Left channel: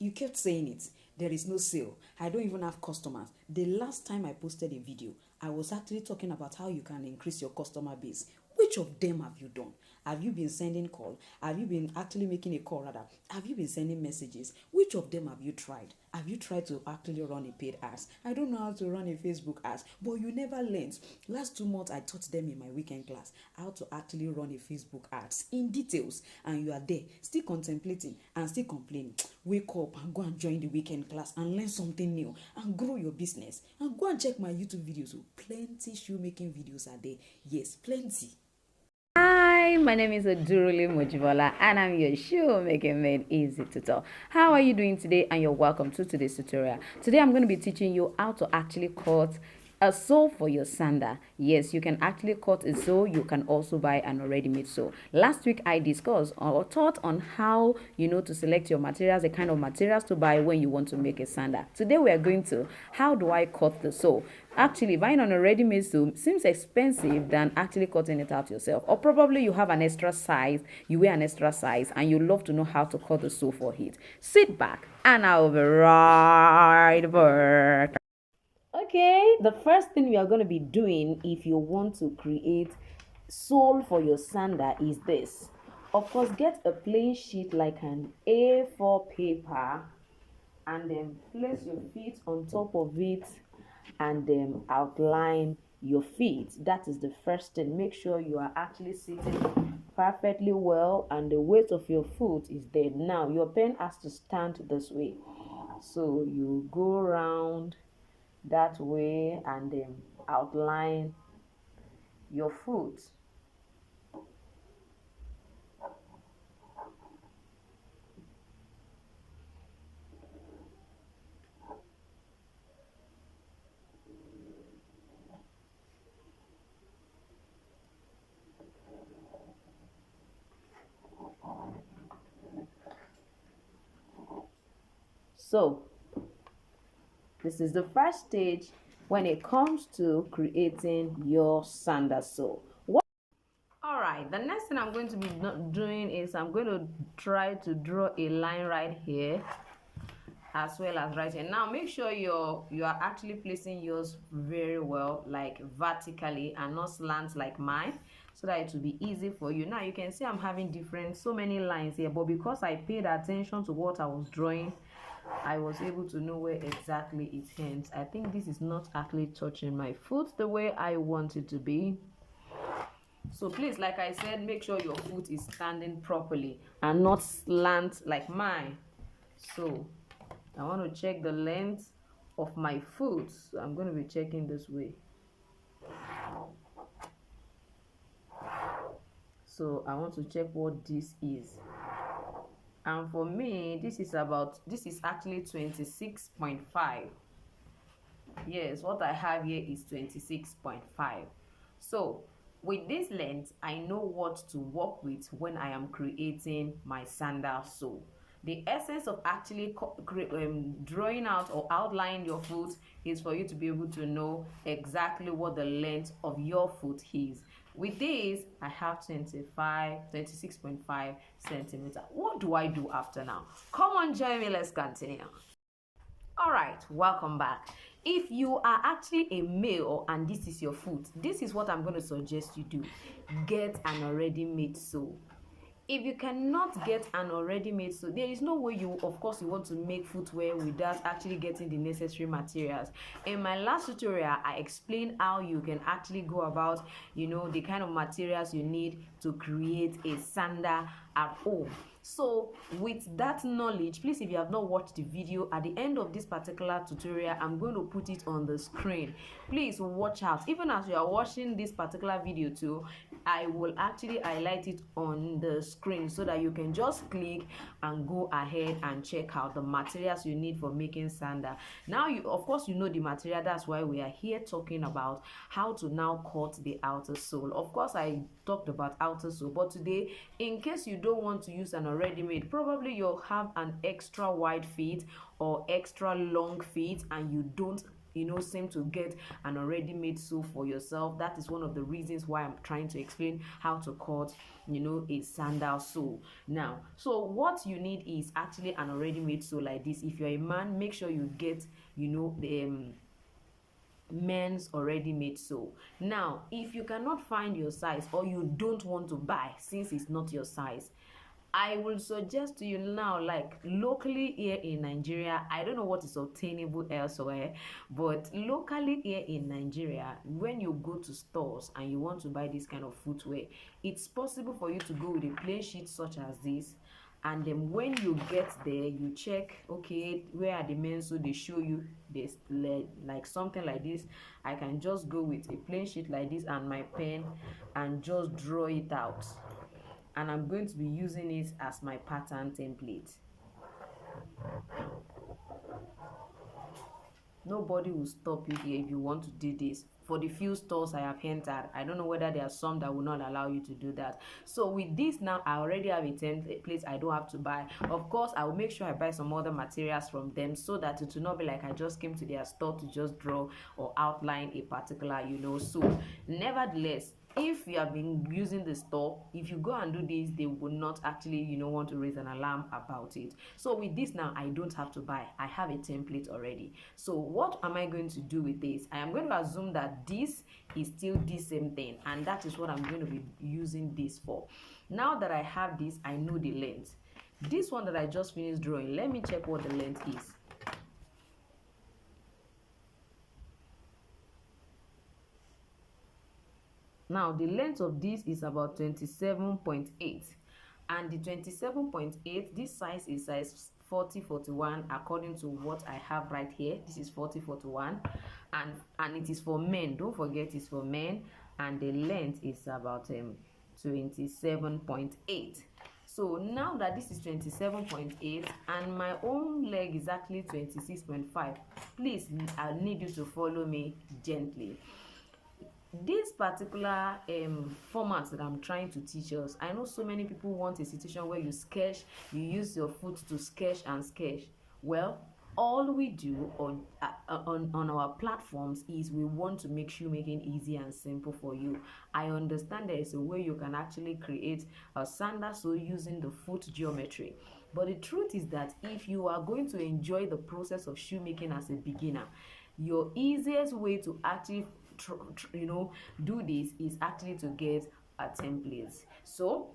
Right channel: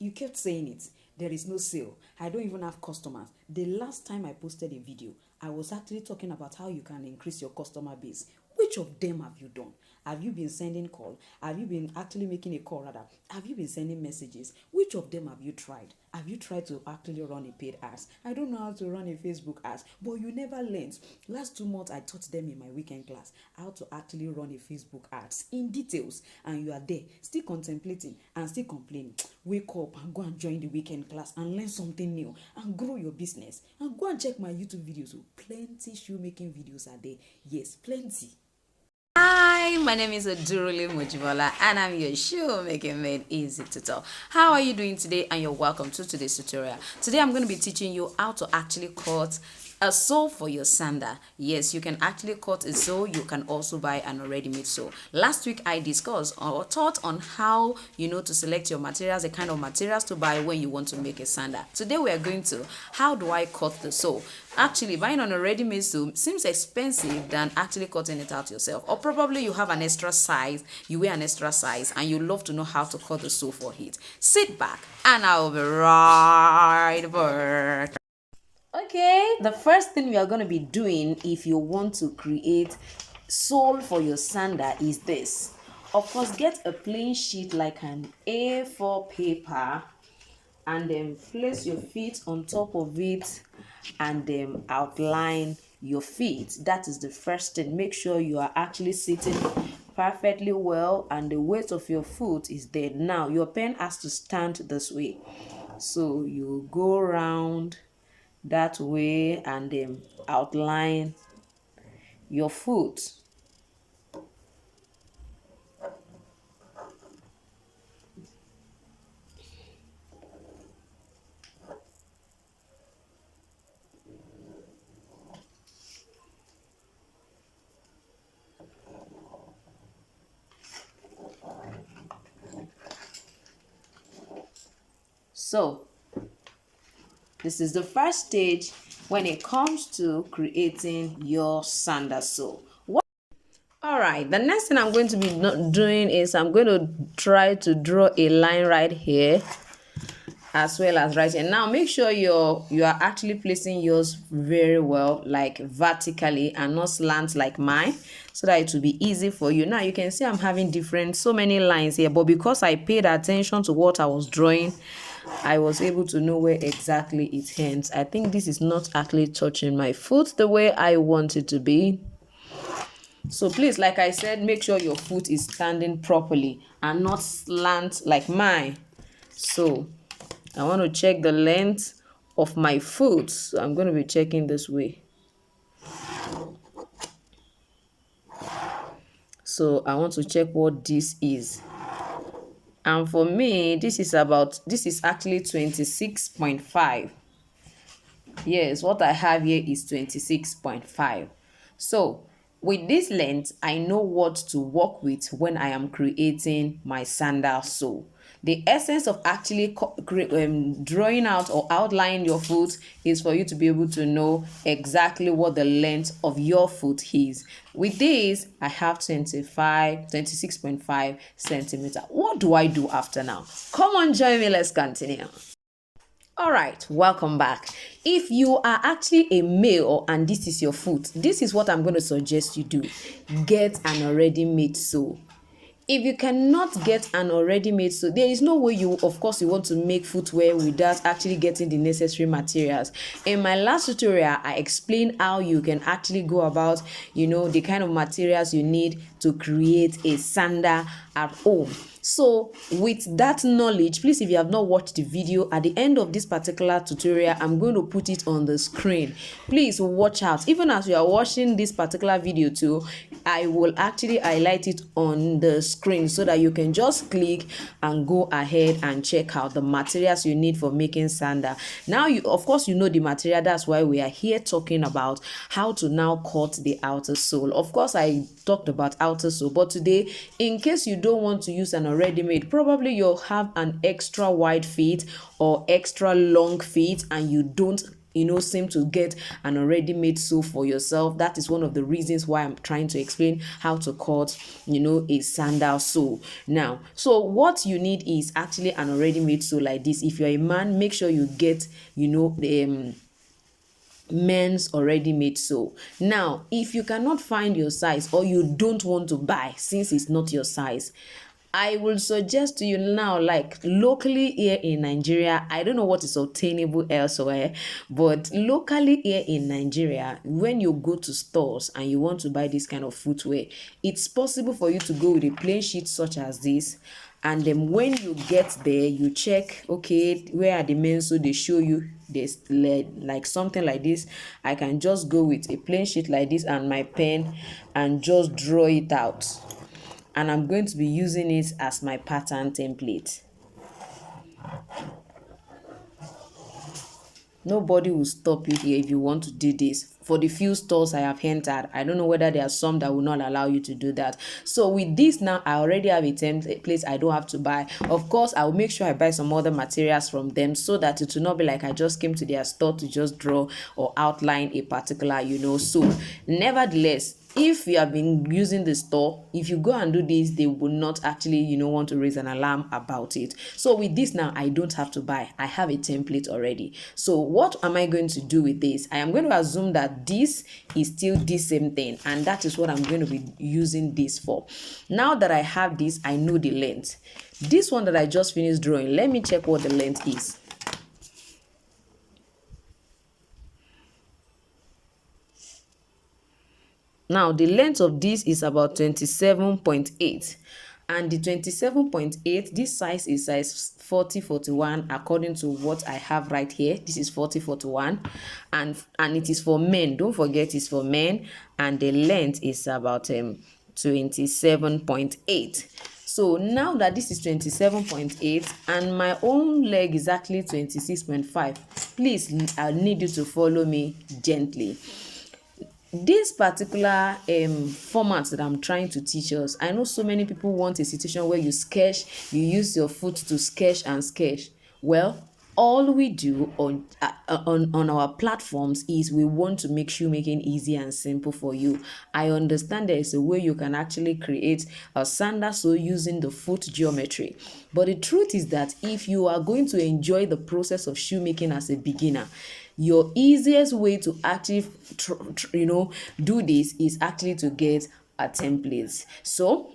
You kept saying it. There is no sale. I don't even have customers. The last time I posted a video, I was actually talking about how you can increase your customer base. Which of them have you done? Have you been sending call? Have you been actually making a call rather? Have you been sending messages? Which of them have you tried? Have you tried to actually run a paid ads? I don't know how to run a Facebook ads, but you never learned. Last 2 months, I taught them in my weekend class how to actually run a Facebook ads in details, and you are there still contemplating and still complaining. Wake up and go and join the weekend class and learn something new and grow your business. And go and check my YouTube videos. Plenty shoemaking videos are there. Yes, plenty. Hi, my name is Oduruli Mojibola and I'm your Shoemaking Made Easy tutor. How are you doing today? And you're welcome to today's tutorial. Today I'm going to be teaching you how to actually cut a sole for your sandal. Yes, you can actually cut a sole. You can also buy an already made sole. Last week I discussed or taught on how to select your materials, the kind of materials to buy when you want to make a sandal. Today we are going to how do I cut the sole. Actually, buying an already made sole seems expensive than actually cutting it out yourself. Or probably you have an extra size, you wear an extra size, and you love to know how to cut the sole for it. Sit back and I'll be right back. Okay, the first thing we are going to be doing if you want to create sole for your sandal is this. Of course, get a plain sheet like an A4 paper and then place your feet on top of it and then outline your feet. That is the first thing. Make sure you are actually sitting perfectly well and the weight of your foot is there. Now your pen has to stand this way, so you go around that way and then outline your foot. So this is the first stage when it comes to creating your sandal sole. All right, the next thing I'm going to be doing is I'm going to try to draw a line right here as well as right here. Now make sure you are actually placing yours very well, like vertically and not slant like mine, so that it will be easy for you. Now you can see I'm having so many lines here, but because I paid attention to what I was drawing, I was able to know where exactly it ends. I think this is not actually touching my foot the way I want it to be. So please, like I said, make sure your foot is standing properly and not slant like mine. So I want to check the length of my foot. So I'm going to be checking this way. So I want to check what this is. And for me, this is actually 26.5. Yes, what I have here is 26.5. So with this length, I know what to work with when I am creating my sandal sole. The essence of actually drawing out or outlining your foot is for you to be able to know exactly what the length of your foot is. With this, I have 26.5 centimeter. What do I do after now? Come on, join me. Let's continue. All right, welcome back. If you are actually a male and this is your foot, this is what I'm going to suggest you do. Get an already made sole. If you cannot get an already made sole, there is no way you want to make footwear without actually getting the necessary materials. In my last tutorial, I explained how you can actually go about, the kind of materials you need to create a sandal at home. So with that knowledge, please, if you have not watched the video, at the end of this particular tutorial, I'm going to put it on the screen. Please watch out. Even as you are watching this particular video too, I will actually highlight it on the screen so that you can just click and go ahead and check out the materials you need for making sandal. Now, you know the material. That's why we are here talking about how to now cut the outer sole. Of course, I talked about outer sole, but today, in case you don't want to use an already made, probably you'll have an extra wide feet or extra long feet and you don't seem to get an already made sole for yourself. That is one of the reasons why I'm trying to explain how to cut a sandal sole. Now, so what you need is actually an already made sole like this. If you're a man, make sure you get the men's already made sole. Now, if you cannot find your size or you don't want to buy since it's not your size, I will suggest to you now, like locally here in Nigeria, I don't know what is obtainable elsewhere, but locally here in Nigeria, when you go to stores and you want to buy this kind of footwear, it's possible for you to go with a plain sheet such as this. And then when you get there, you check, okay, where are the men's, so they show you this, like something like this. I can just go with a plain sheet like this and my pen and just draw it out. And I'm going to be using it as my pattern template. Nobody will stop you here if you want to do this. For the few stores I have entered, I don't know whether there are some that will not allow you to do that. So with this now, I already have a template I don't have to buy. Of course, I will make sure I buy some other materials from them so that it will not be like I just came to their store to just draw or outline a particular, so nevertheless, if you have been using the store, if you go and do this, they will not actually want to raise an alarm about it. So with this now, I don't have to buy. I have a template already. So what am I going to do with this? I am going to assume that this is still the same thing, and that is what I'm going to be using this for. Now that I have this, I know the length. This one that I just finished drawing, let me check what the length is. Now, the length of this is about 27.8, and the 27.8, this size is size 40-41 according to what I have right here. This is 40-41, and it is for men. Don't forget, it's for men, and the length is about 27.8. So now that this is 27.8 and my own leg is actually 26.5, please, I need you to follow me gently. This particular format that I'm trying to teach us, I know so many people want a situation where you sketch, you use your foot to sketch and sketch. Well, all we do on our platforms is we want to make shoemaking easy and simple for you. I understand there is a way you can actually create a sandal sole using the foot geometry, but the truth is that if you are going to enjoy the process of shoemaking as a beginner, your easiest way to actually do this is actually to get a template. So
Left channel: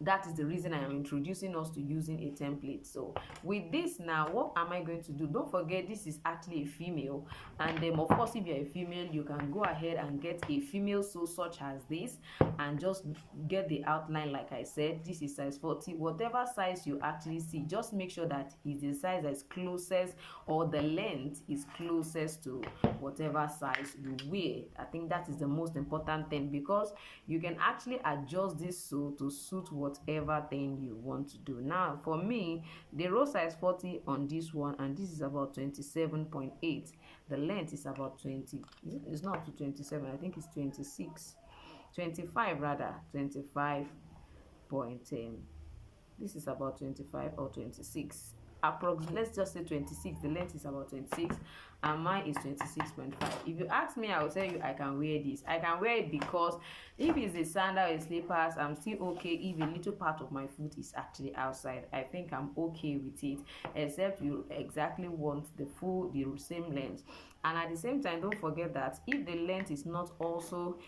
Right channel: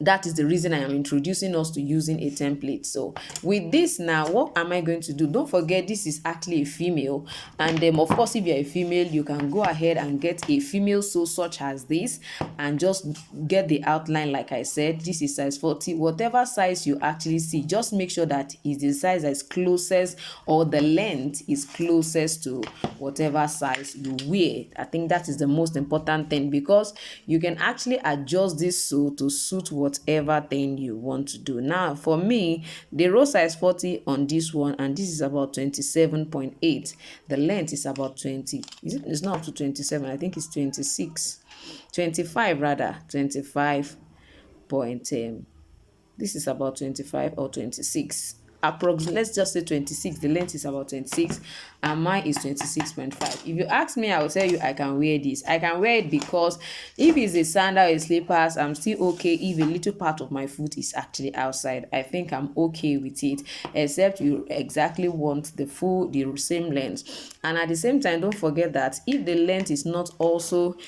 that is the reason I am introducing us to using a template. So with this now, what am I going to do? Don't forget, this is actually a female, and of course, if you're a female, you can go ahead and get a female sole such as this and just get the outline. Like I said, this is size 40. Whatever size you actually see, just make sure that is the size that is closest, or the length is closest to whatever size you wear. I think that is the most important thing, because you can actually adjust this sole to suit whatever thing you want to do. Now, for me, the row size 40 on this one, and this is about 27.8. The length is about 20. It's not up to 27. I think it's 26. 25 rather. 25 point. This is about 25 or 26. Approximately, let's just say 26. The length is about 26 and mine is 26.5. If you ask me, I will tell you I can wear this. I can wear it because if it's a sandal or slippers, I'm still okay if a little part of my foot is actually outside. I think I'm okay with it, except you exactly want the same length. And at the same time, don't forget that if the length is not also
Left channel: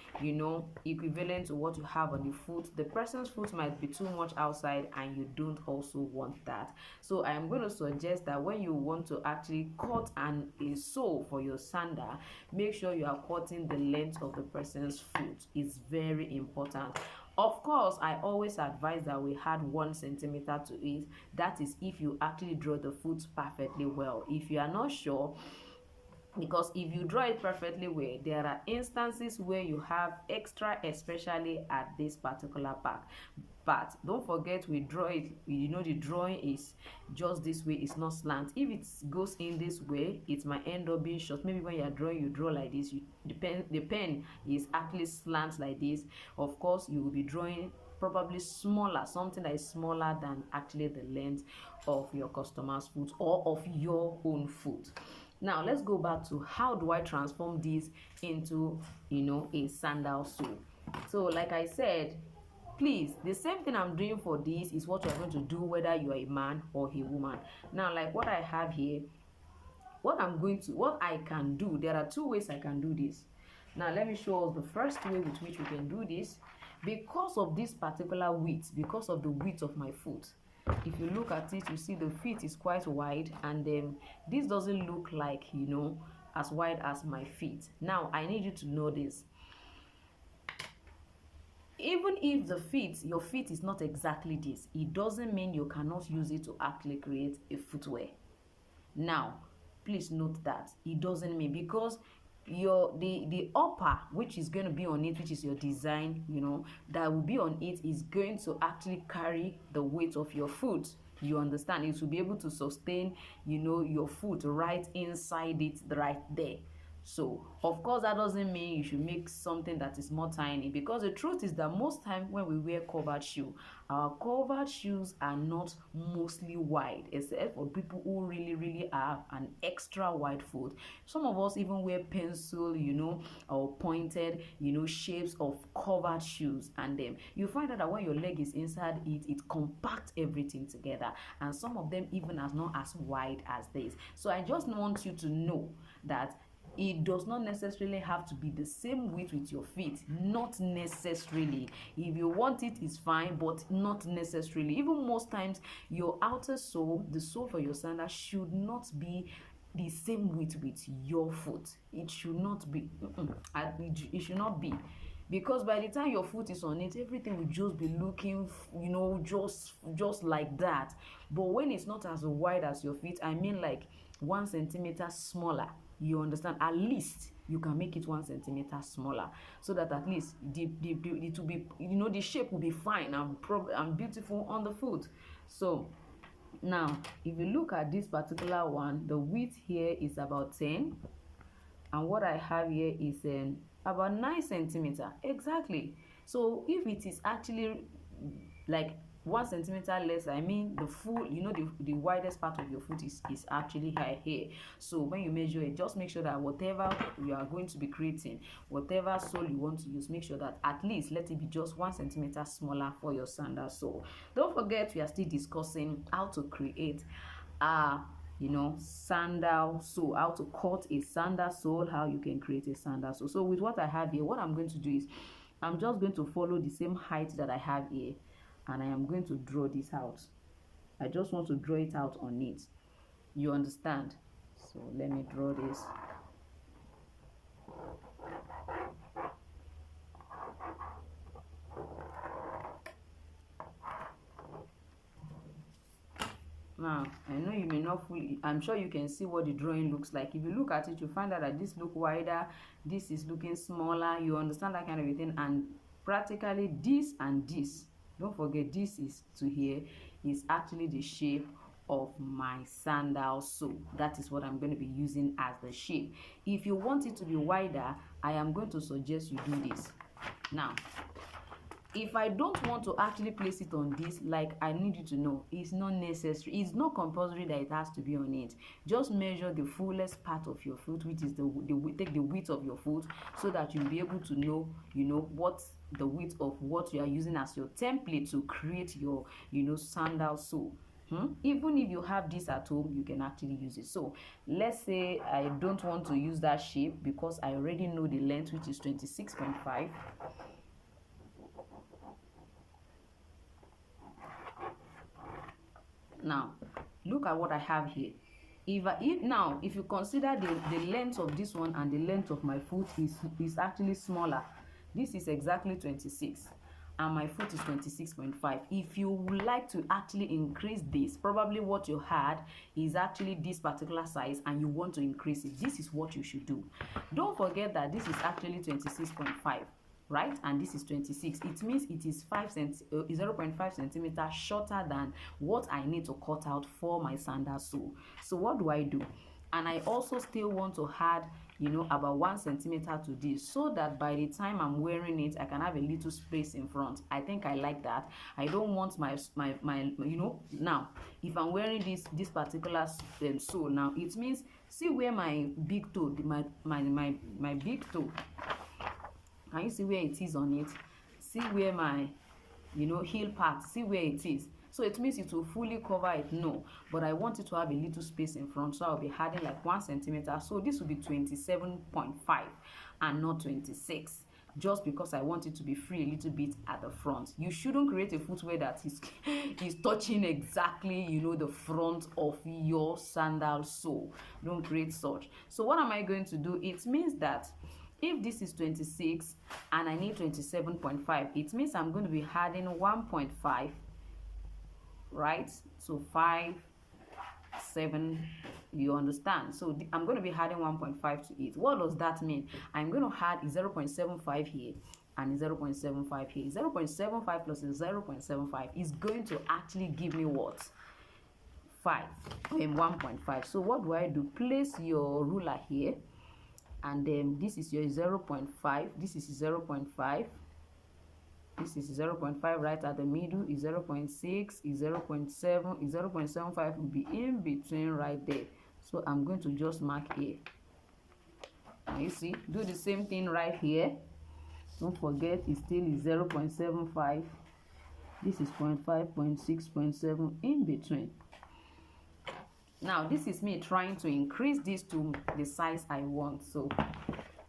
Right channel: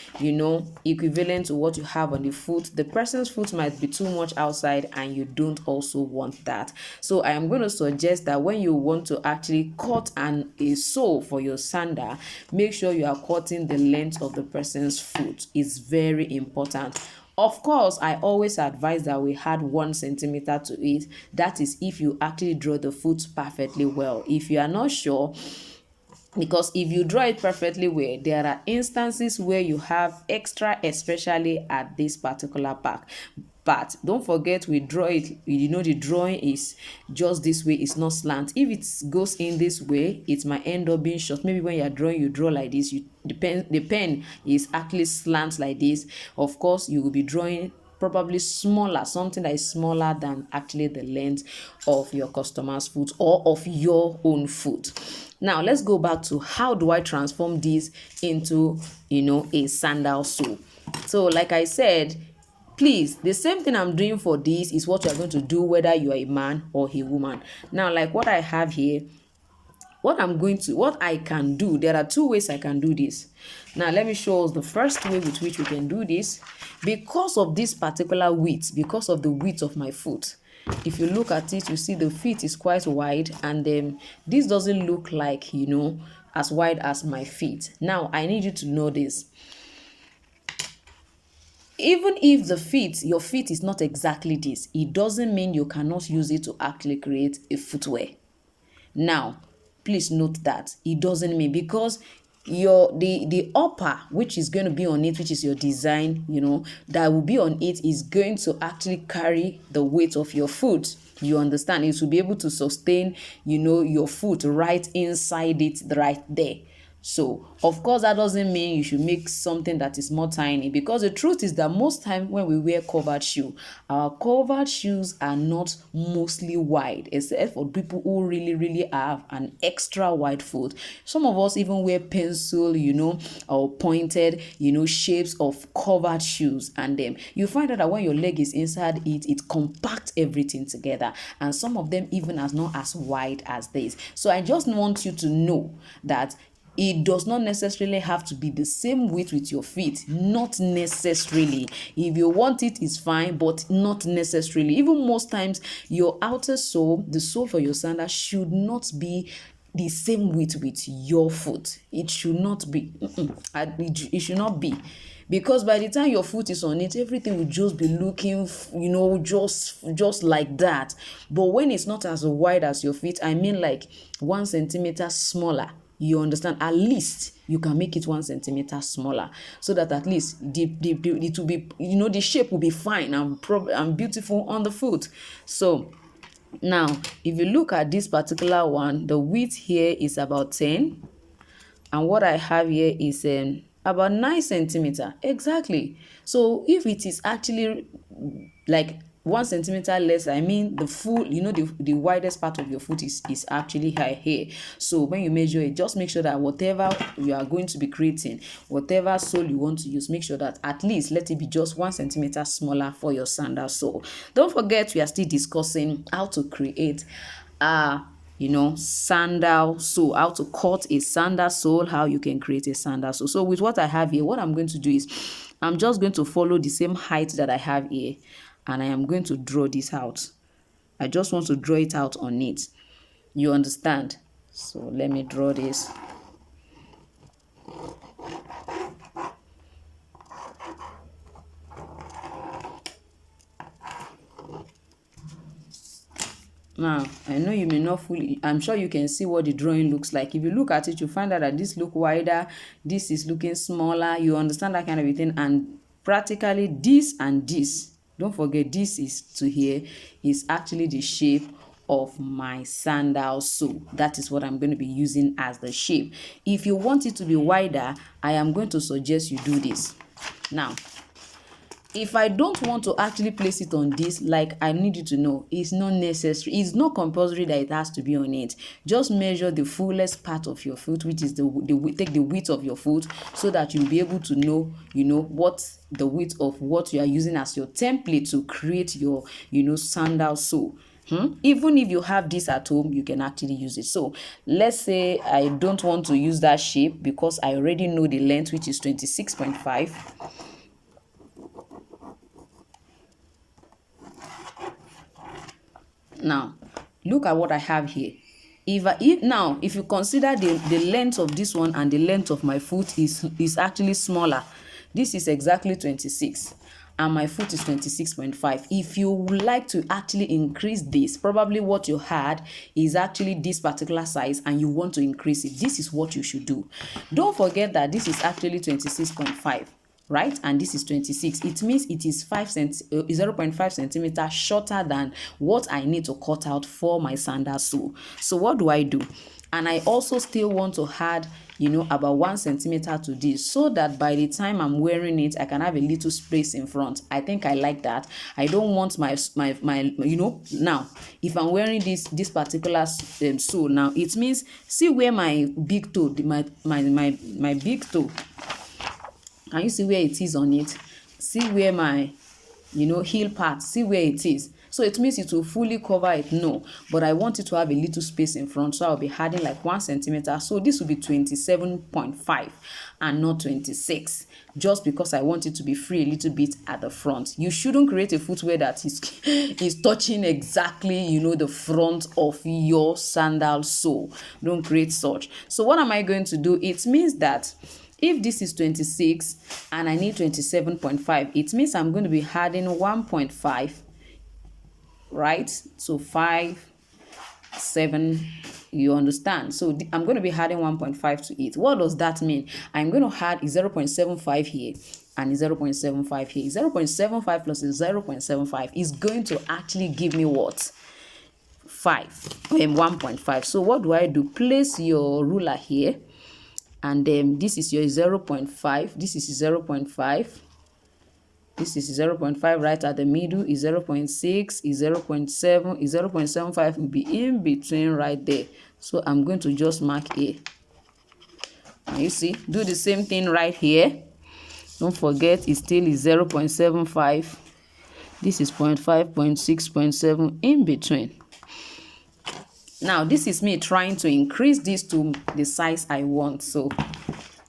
equivalent to what you have on the foot, the person's foot might be too much outside and you don't also want that. So I am going to suggest that when you want to actually cut a sole for your sandal, make sure you are cutting the length of the person's foot. It's very important. Of course, I always advise that we add 1 centimeter to it. That is if you actually draw the foot perfectly well. If you are not sure, because if you draw it perfectly well, there are instances where you have extra, especially at this particular part. But don't forget, we draw it, the drawing is just this way, it's not slant. If it goes in this way, it might end up being short. Maybe when you're drawing, you draw like this, the pen is actually slant like this. Of course, you will be drawing probably smaller, something that is smaller than actually the length of your customer's foot or of your own foot. Now let's go back to how do I transform this into, a sandal sole. So like I said, please, the same thing I'm doing for this is what you're going to do whether you are a man or a woman. Now, like what I have here, what I can do, there are two ways I can do this. Now let me show us the first way with which we can do this. Because of this particular width, because of the width of my foot, if you look at it, you see the feet is quite wide, and then this doesn't look like, as wide as my feet. Now I need you to know this. Even if your feet is not exactly this, it doesn't mean you cannot use it to actually create a footwear. Now please note that it doesn't mean, because the upper, which is going to be on it, which is your design, that will be on it, is going to actually carry the weight of your foot. You understand? It will be able to sustain, your foot right inside it, right there. So, of course, that doesn't mean you should make something that is more tiny, because the truth is that most times when we wear covered shoe, our covered shoes are not mostly wide, except for people who really, really have an extra wide foot. Some of us even wear pencil, or pointed, shapes of covered shoes, and then you find out that when your leg is inside it, it compacts everything together, and some of them even as not as wide as this. So I just want you to know that it does not necessarily have to be the same width with your feet. Not necessarily. If you want it, it's fine, but not necessarily. Even most times, your outer sole, the sole for your sandal, should not be the same width with your foot. It should not be. It should not be. Because by the time your foot is on it, everything will just be looking, just like that. But when it's not as wide as your feet, I mean like 1 centimeter smaller, you understand, at least you can make it 1 centimeter smaller, so that at least it will be, the shape will be fine and beautiful on the foot. So now if you look at this particular one, the width here is about 10, and what I have here is about 9 centimeter exactly. So if it is actually like 1 centimeter less, I mean the full, the widest part of your foot is actually high here. So when you measure it, just make sure that whatever you are going to be creating, whatever sole you want to use, make sure that at least let it be just 1 centimeter smaller for your sandal sole. Don't forget, we are still discussing how to create sandal sole, how to cut a sandal sole, how you can create a sandal sole. So with what I have here, what I'm going to do is I'm just going to follow the same height that I have here, and I am going to draw this out. I just want to draw it out on it. You understand? So let me draw this. Now, I know you may not fully, I'm sure you can see what the drawing looks like. If you look at it, you find out that this look wider, this is looking smaller. You understand that kind of a thing. And practically this and this, don't forget, this is to here, is actually the shape of my sandal sole. That is what I'm going to be using as the shape. If you want it to be wider, I am going to suggest you do this. Now, if I don't want to actually place it on this, like I need you to know, it's not necessary. It's not compulsory that it has to be on it. Just measure the fullest part of your foot, which is take the width of your foot, so that you'll be able to know, what the width of what you are using as your template to create your, sandal sole. Even if you have this at home, you can actually use it. So let's say I don't want to use that shape because I already know the length, which is 26.5. Now, look at what I have here. If you consider the length of this one and the length of my foot is actually smaller. This is exactly 26, and my foot is 26.5. If you would like to actually increase this, probably what you had is actually this particular size, and you want to increase it, this is what you should do. Don't forget that this is actually 26.5. right? And this is 26. It means it is 0.5 centimeter shorter than what I need to cut out for my sandal sole. So what do I do? And I also still want to add, you know, about 1 centimeter to this, so that by the time I'm wearing it, I can have a little space in front. I think I like that. I don't want my you know, now if I'm wearing this particular sole, now it means, see where my big toe, my big toe, can you see where it is on it? See where my, you know, heel part, see where it is. So it means it will fully cover it, no, but I want it to have a little space in front, so I'll be adding like 1 centimeter. So this will be 27.5 and not 26, just because I want it to be free a little bit at the front. You shouldn't create a footwear that is touching exactly, you know, the front of your sandal sole. Don't create such. So what am I going to do? It means that if this is 26 and I need 27.5, it means I'm going to be adding 1.5, right? So 5, 7, you understand? So I'm going to be adding 1.5 to it. What does that mean? I'm going to add 0.75 here and 0.75 here. 0.75 plus 0.75 is going to actually give me what? 1.5. So what do I do? Place your ruler here, and then this is your 0.5, this is 0.5, this is 0.5, right at the middle is 0.6, is 0.7, is 0.75 will be in between right there. So I'm going to just mark A. And you see, do the same thing right here. Don't forget, it still is 0.75. This is 0.5, 0.6, 0.7 in between. Now this is me trying to increase this to the size I want. So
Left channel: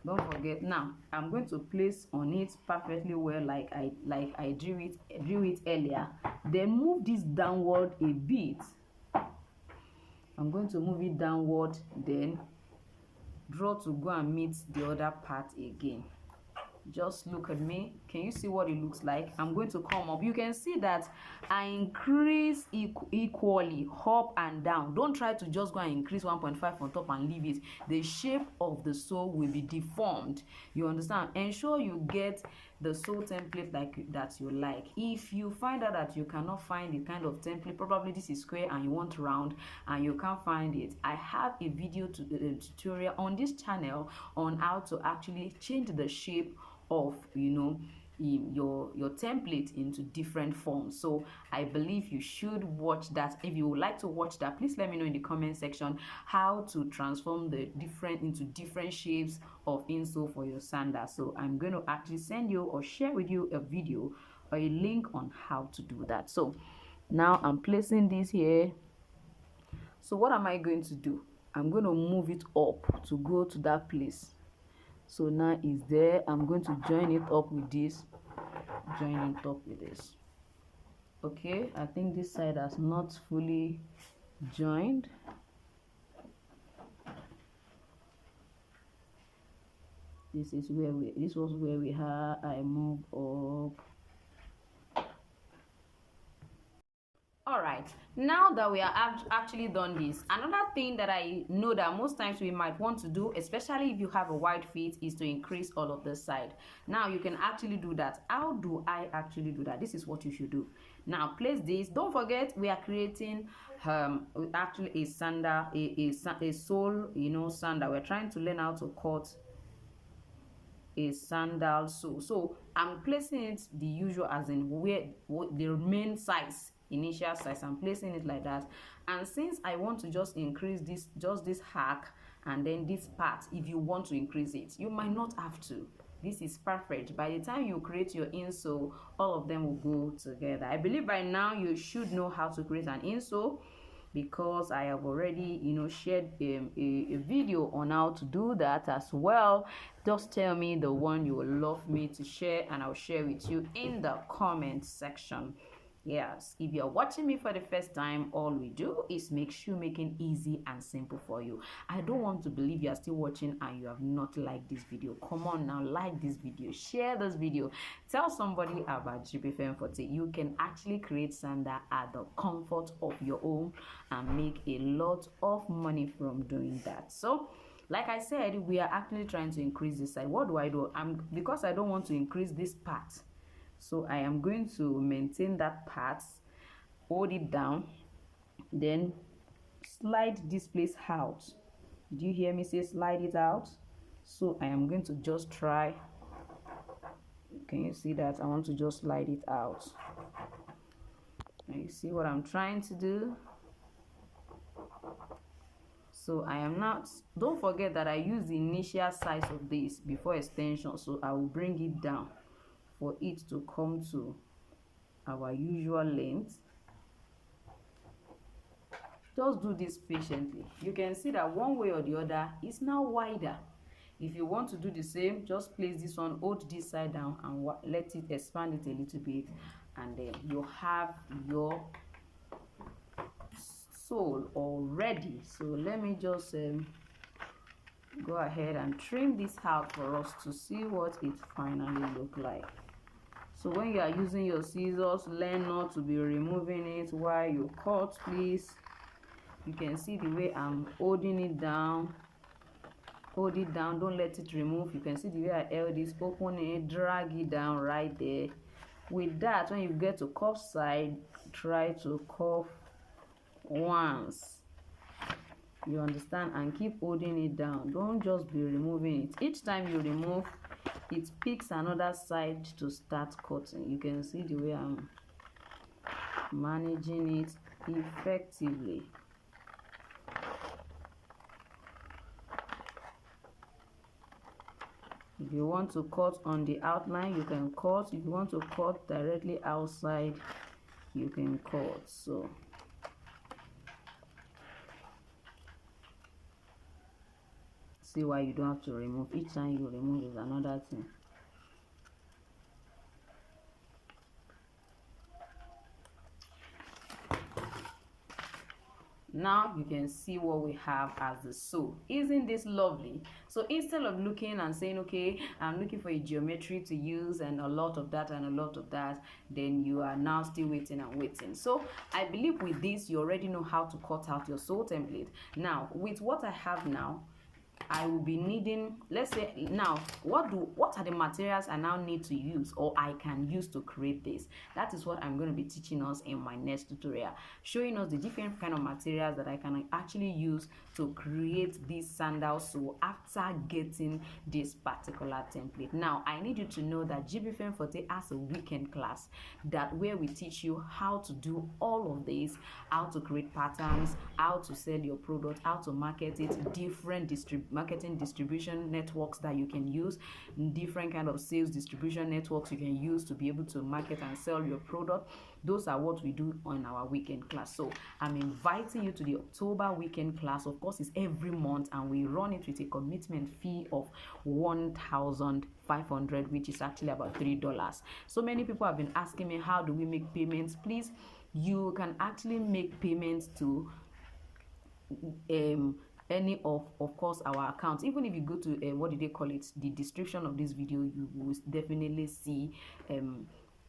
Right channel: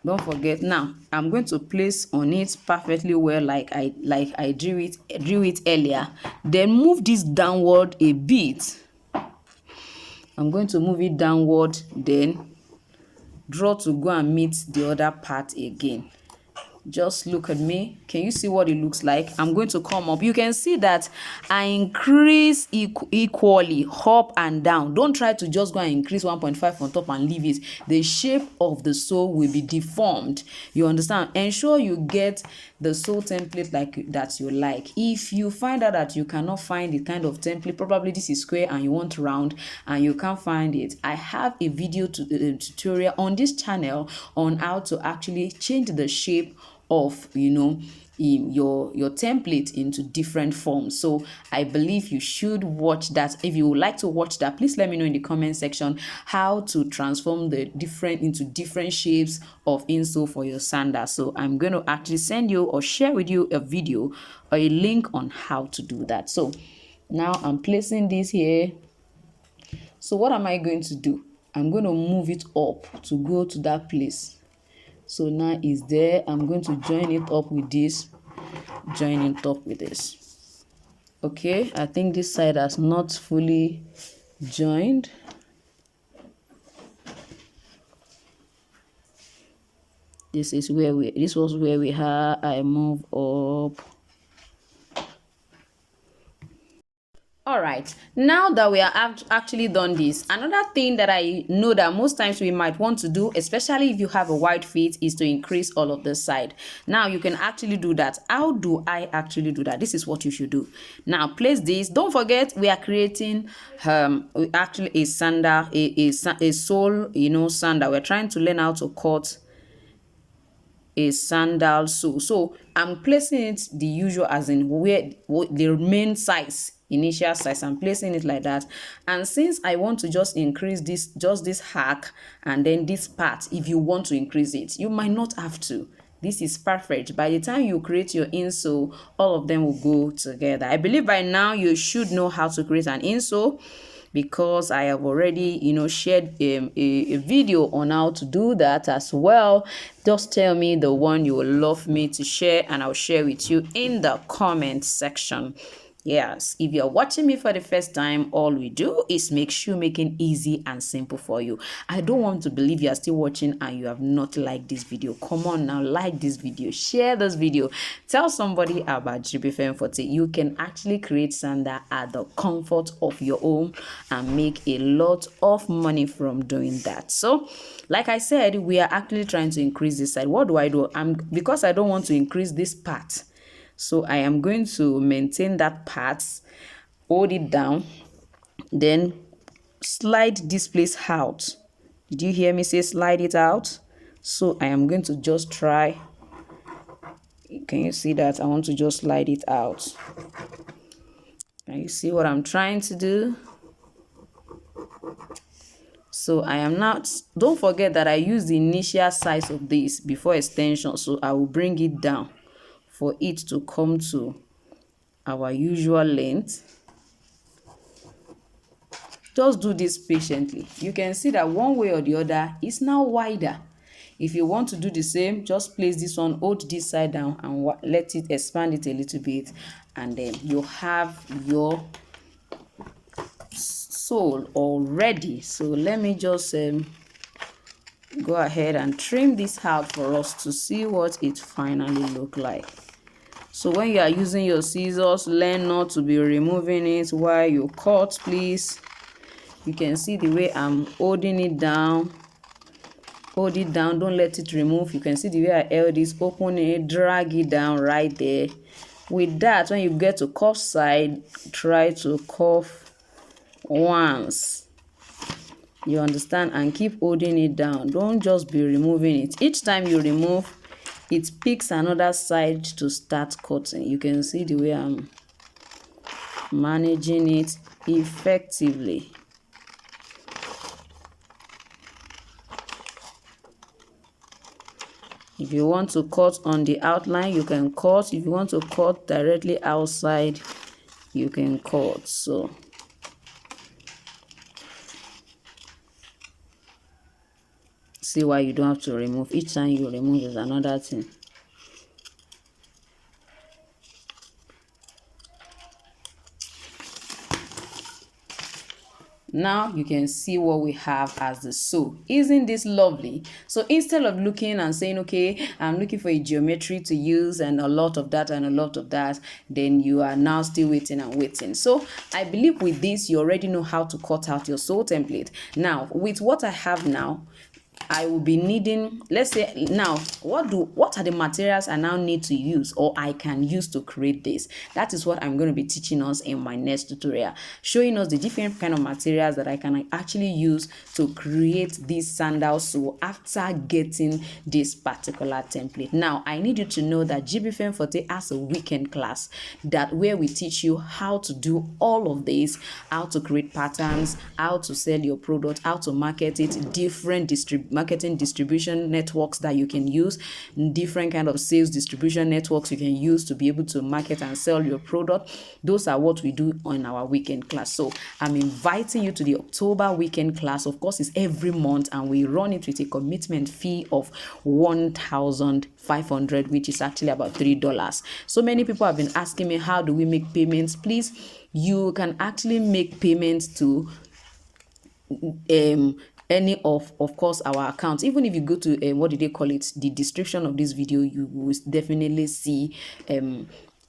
don't forget, now I'm going to place on it perfectly well, like I drew it earlier. Then move this downward a bit. I'm going to move it downward, then draw to go and meet the other part again. Just look at me. Can you see what it looks like? I'm going to come up. You can see that I increase equally up and down. Don't try to just go and increase 1.5 on top and leave it. The shape of the sole will be deformed. You understand? Ensure you get the sole template like that you like. If you find out that you cannot find the kind of template, probably this is square and you want round and you can't find it, I have a video tutorial on this channel on how to actually change the shape of, you know, your template into different forms. So I believe you should watch that. If you would like to watch that, please let me know in the comment section how to transform the different into different shapes of insole for your sandal. So I'm going to actually send you or share with you a video or a link on how to do that. So now I'm placing this here. So what am I going to do? I'm going to move it up to go to that place. So now it's there. I'm going to join it up with this, join it up with this. Okay, I think this side has not fully joined. This was where we had, I move up. All right, now that we are actually done this, another thing that I know that most times we might want to do, especially if you have a wide feet, is to increase all of this side. Now you can actually do that. How do I actually do that? This is what you should do. Now place this. Don't forget, we are creating actually a sandal, a sole, you know, sandal. We're trying to learn how to cut a sandal sole. So I'm placing it the usual, as in where the main size, initial size. I'm placing it like that. And since I want to just increase this, just this hack and then this part, if you want to increase it, you might not have to. This is perfect. By the time you create your insole, all of them will go together. I believe by now you should know how to create an insole, because I have already, you know, shared a video on how to do that as well. Just tell me the one you would love me to share and I'll share with you in the comment section. Yes, if you're watching me for the first time, all we do is make shoemaking easy and simple for you. I don't want to believe you are still watching and you have not liked this video. Come on now, like this video, share this video, tell somebody about Jibbyfemforte. You can actually create sandal at the comfort of your home and make a lot of money from doing that. So, like I said, we are actually trying to increase this side. What do? Because I don't want to increase this part. So I am going to maintain that part, hold it down, then slide this place out. Did you hear me say slide it out? So I am going to just try. Can you see that? I want to just slide it out. Can you see what I'm trying to do? So I am not, don't forget that I use the initial size of this before extension. So I will bring it down for it to come to our usual length. Just do this patiently. You can see that one way or the other is now wider. If you want to do the same, just place this one, hold this side down and let it expand it a little bit, and then you have your sole already. So let me just go ahead and trim this out for us to see what it finally look like. So when you are using your scissors, learn not to be removing it while you cut, please. You can see the way I'm holding it down. Hold it down, don't let it remove. You can see the way I held this, open it, drag it down right there. With that, when you get to cuff side, try to cuff once. You understand? And keep holding it down. Don't just be removing it. Each time you remove, it picks another side to start cutting. You can see the way I'm managing it effectively. If you want to cut on the outline, you can cut. If you want to cut directly outside, you can cut. So see why you don't have to remove. Each time you remove is another thing. Now you can see what we have as the sole. Isn't this lovely? So instead of looking and saying, okay, I'm looking for a geometry to use and a lot of that and a lot of that, then you are now still waiting and waiting. So I believe with this, you already know how to cut out your sole template. Now, with what I have now, I will be needing, let's say now, what are the materials I now need to use or I can use to create this? That is what I'm going to be teaching us in my next tutorial, showing us the different kind of materials that I can actually use to create these sandals. So after getting this particular template, now I need you to know that Jibbyfemforte has a weekend class where we teach you how to do all of this, how to create patterns, how to sell your product, how to market it, different marketing distribution networks that you can use, different kind of sales distribution networks you can use to be able to market and sell your product. Those are what we do on our weekend class. So I'm inviting you to the October weekend class. Of course, it's every month and we run it with a commitment fee of $1,500, which is actually about $3. So many people have been asking me, how do we make payments? Please, you can actually make payments to any of course our accounts. Even if you go to what do they call it, the description of this video, you will definitely see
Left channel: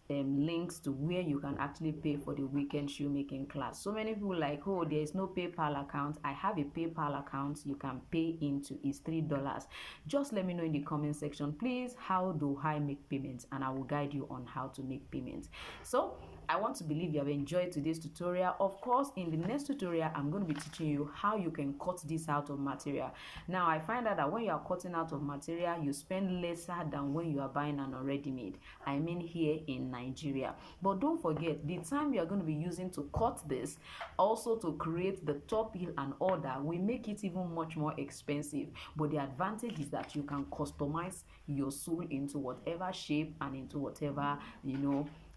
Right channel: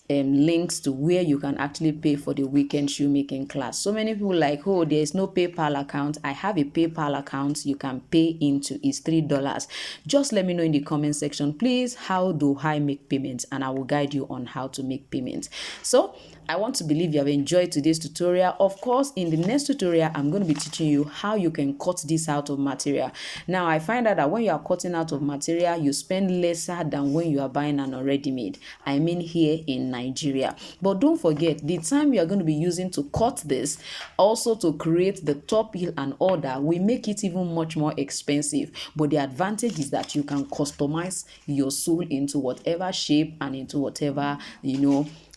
links to where you can actually pay for the weekend shoemaking class. So many people like, oh, there is no PayPal account. I have a PayPal account you can pay into. Is $3. Just let me know in the comment section, please, how do I make payments, and I will guide you on how to make payments. So I want to believe you have enjoyed today's tutorial. Of course, in the next tutorial, I'm going to be teaching you how you can cut this out of material. Now, I find out that when you are cutting out of material, you spend lesser than when you are buying an already made. I mean here in Nigeria. But don't forget, the time you are going to be using to cut this, also to create the top heel and order, we make it even much more expensive. But the advantage is that you can customize your sole into whatever shape and into whatever,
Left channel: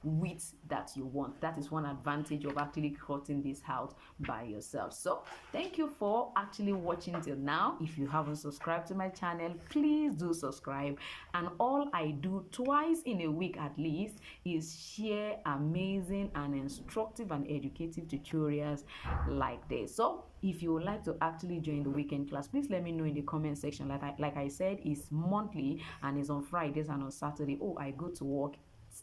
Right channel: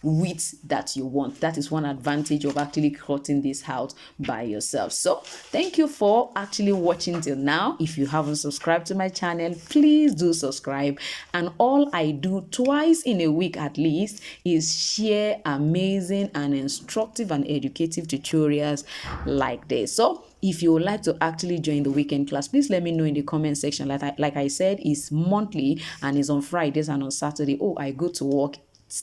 width that you want. That is one advantage of actually cutting this out by yourself. So thank you for actually watching till now. If you haven't subscribed to my channel, please do subscribe. And all I do twice in a week at least is share amazing and instructive and educative tutorials like this. So if you would like to actually join the weekend class, please let me know in the comment section. Like I said, it's monthly and it's on Fridays and on Saturday. Oh, I go to work.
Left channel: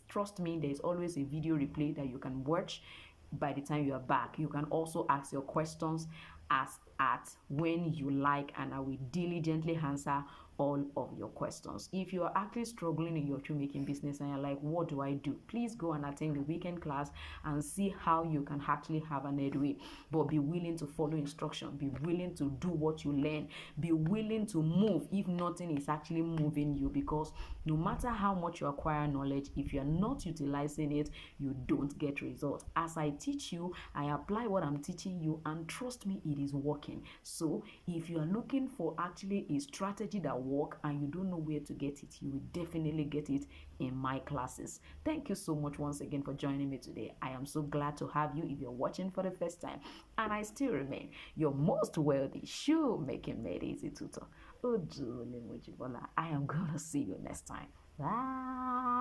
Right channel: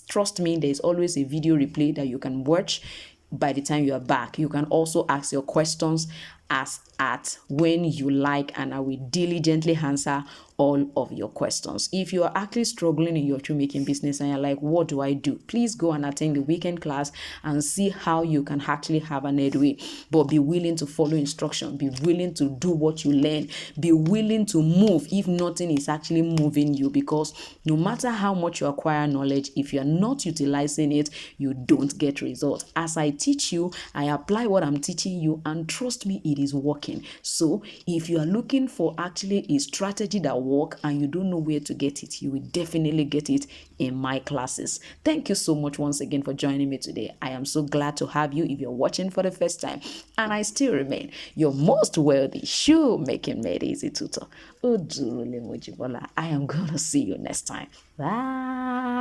Trust me, there's always a video replay that you can watch by the time you are back. You can also ask your questions as at when you like, and I will diligently answer all of your questions. If you are actually struggling in your shoemaking business and you're like, what do I do? Please go and attend the weekend class and see how you can actually have an headway. But be willing to follow instruction, be willing to do what you learn, be willing to move if nothing is actually moving you, because no matter how much you acquire knowledge, if you're not utilizing it, you don't get results. As I teach you, I apply what I'm teaching you, and trust me, it is working. So if you are looking for actually a strategy that work and you don't know where to get it, you will definitely get it in my classes. Thank you so much once again for joining me today. I am so glad to have you if you're watching for the first time, and I still remain your most wealthy shoemaking made easy tutor, Ojule Mojibola. I am gonna see you next time. Bye.